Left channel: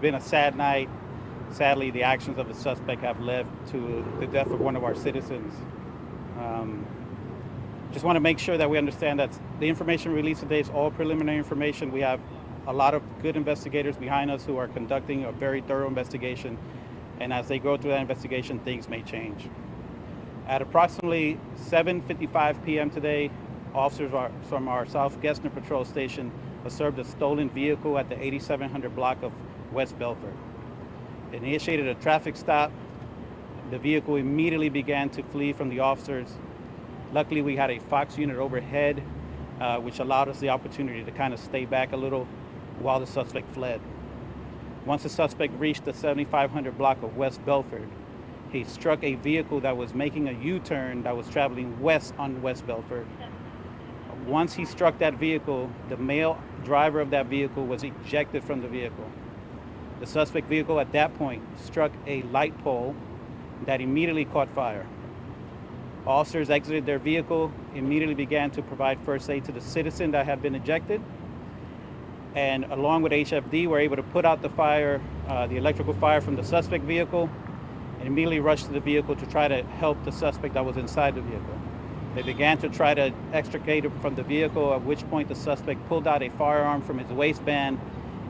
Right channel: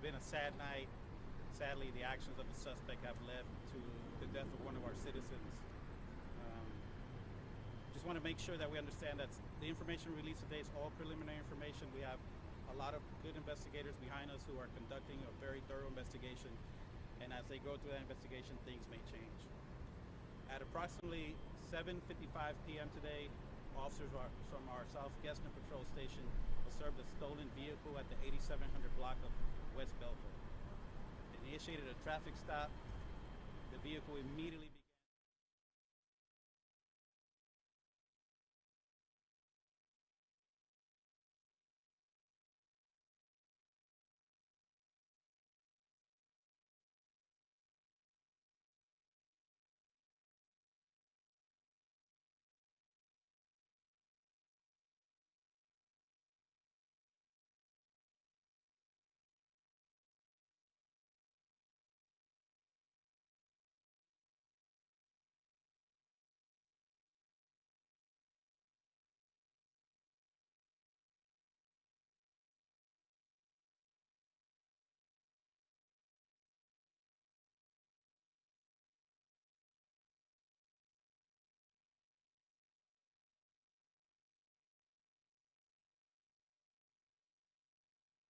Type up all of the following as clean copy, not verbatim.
been a sad night. Sadly, the actions of the suspect have led to the death of one of our citizens. Um, just want to make sure that we understand that the information released today is all preliminary information. We have a lot of good investigators behind us who are conducting a very thorough investigation, and as they go through that investigation, things may change. At approximately 7:55 p.m. today, officers from our South Gessner Patrol Station observed a stolen vehicle at the 8700 block of West Bellfort. It initiated a traffic stop. The vehicle immediately began to flee from the officers. Luckily, we had a Fox unit overhead, which allowed us the opportunity to kind of stay back a little while the suspect fled. Once the suspect reached the 7500 block of West Bellfort, he struck a vehicle that was making a U-turn that was traveling west on West Bellfort. Once he struck that vehicle, the male driver of that vehicle was ejected from the vehicle. The suspect vehicle at that point struck a light pole that immediately caught fire. Officers exited their vehicle, immediately began to provide first aid to the citizen that had been ejected, and along with HFD were able to put out the fire, the electrical fire from the suspect vehicle, and immediately rushed to the vehicle to try to help the suspect that was inside the vehicle. They began to try to extricate him from the vehicle, at which point the suspect pulled out a firearm from his waistband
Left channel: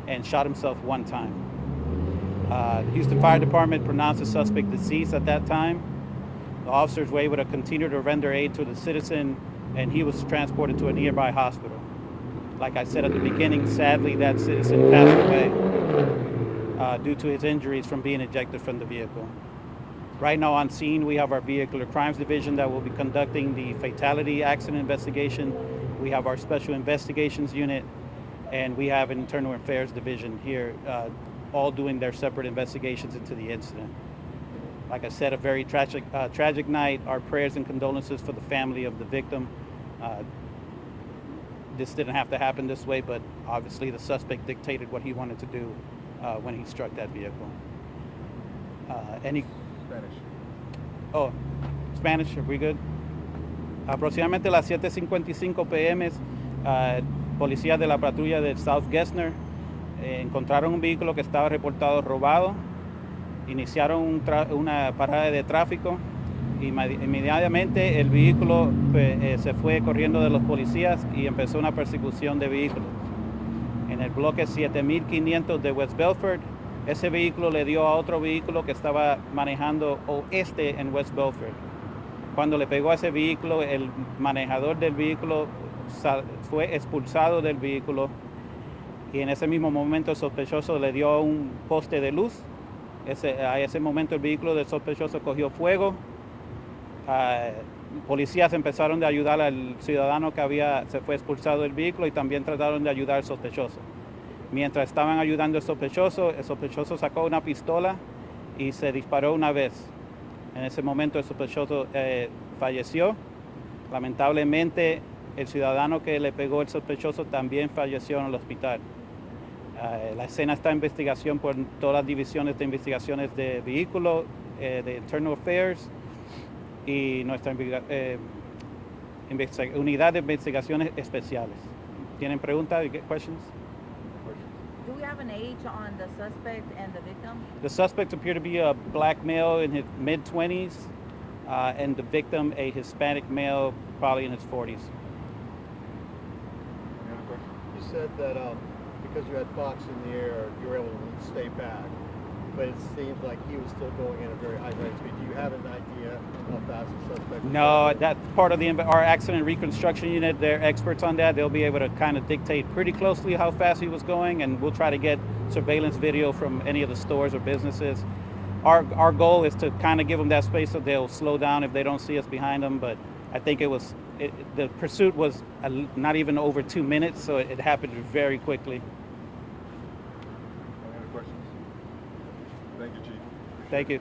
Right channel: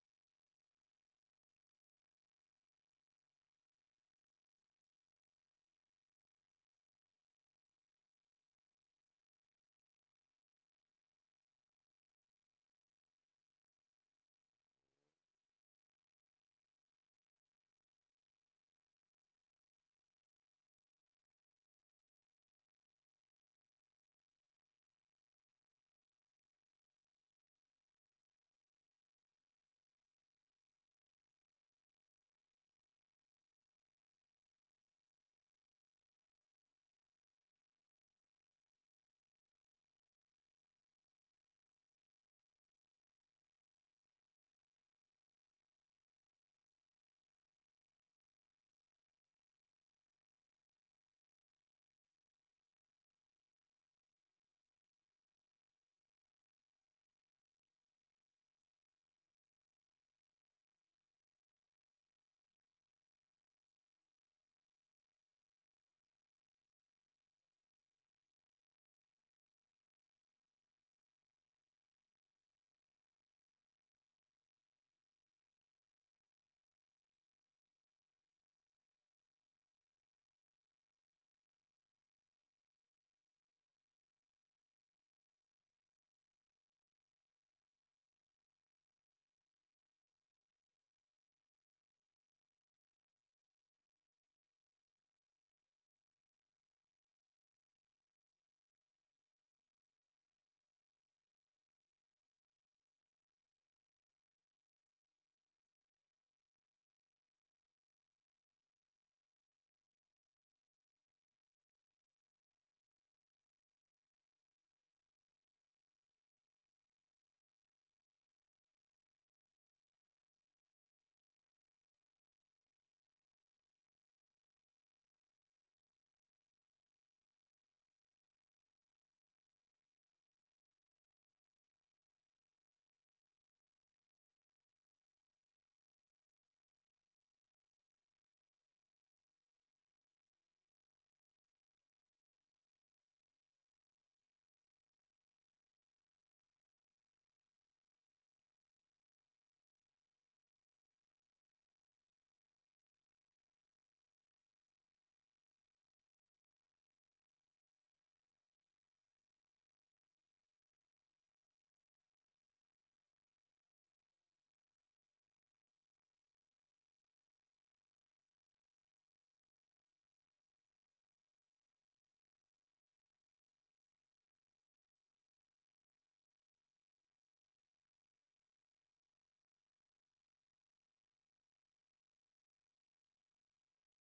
and shot himself one time. Houston Fire Department pronounced the suspect deceased at that time. The officers were able to continue to render aid to the citizen, and he was transported to a nearby hospital. Like I said at the beginning, sadly that citizen passed away due to his injuries from being ejected from the vehicle. Right now on scene, we have our Vehicular Crimes Division that will be conducting the fatality accident investigation. We have our Special Investigations Unit, and we have an Internal Affairs Division here, all doing their separate investigations into the incident. Like I said, a very tragic night. Our prayers and condolences for the family of the victim. This didn't have to happen this way, but obviously the suspect dictated what he wanted to do when he struck that vehicle. Any Spanish. Oh, Spanish, are we good? Aproximadamente a las 7:55 p.m., policías de la patrulla del South Gessner encontraron un vehículo que estaba reportado robado, iniciaron una parada de tráfico y inmediatamente el vehículo se fue corriendo de los policías y empezó una persecución de vehículos. En el bloque 7500 de West Bellfort, ese vehículo le dio a otro vehículo que estaba manejando oeste en West Bellfort. Cuando le pegó a ese vehículo, el manejador del vehículo fue expulsado del vehículo y en ese mismo momento el sospechoso le dio un poste de luz. A ese momento el vehículo del sospechoso cogió fuego. Policías empezaron a ayudar al ciudadano que se fue expulsado del vehículo y también trataron de ayudar al sospechoso. Mientras estaban ayudando al el sospechoso sacó una pistola y se disparó una vez. En ese momento el sospechoso falleció. Lamentablemente, el ciudadano que le pegó el sospechoso también falleció en el hospital. La escena está en investigación por todas las divisiones de investigaciones de vehículos, de Internal Affairs y nuestra unidad de investigaciones especiales. ¿Tienen preguntas? Questions? Do we have an age on the suspect and the victim? The suspect appeared to be a black male in his mid-20s, and the victim a Hispanic male, probably in his 40s. Any other questions? You said that because you had Fox in the air, you were able to stay back, but it seems like he was still going at a very high rate of speed. Do you have an idea how fast the suspect was? No, that's part of our accident reconstruction unit. They're experts on that. They'll be able to kind of dictate pretty closely how fast he was going, and we'll try to get surveillance video from any of the stores or businesses. Our goal is to kind of give them that space so they'll slow down if they don't see us behind them, but I think the pursuit was not even over 2 minutes, so it happened very quickly. Any other questions? Thank you, Chief. Thank you.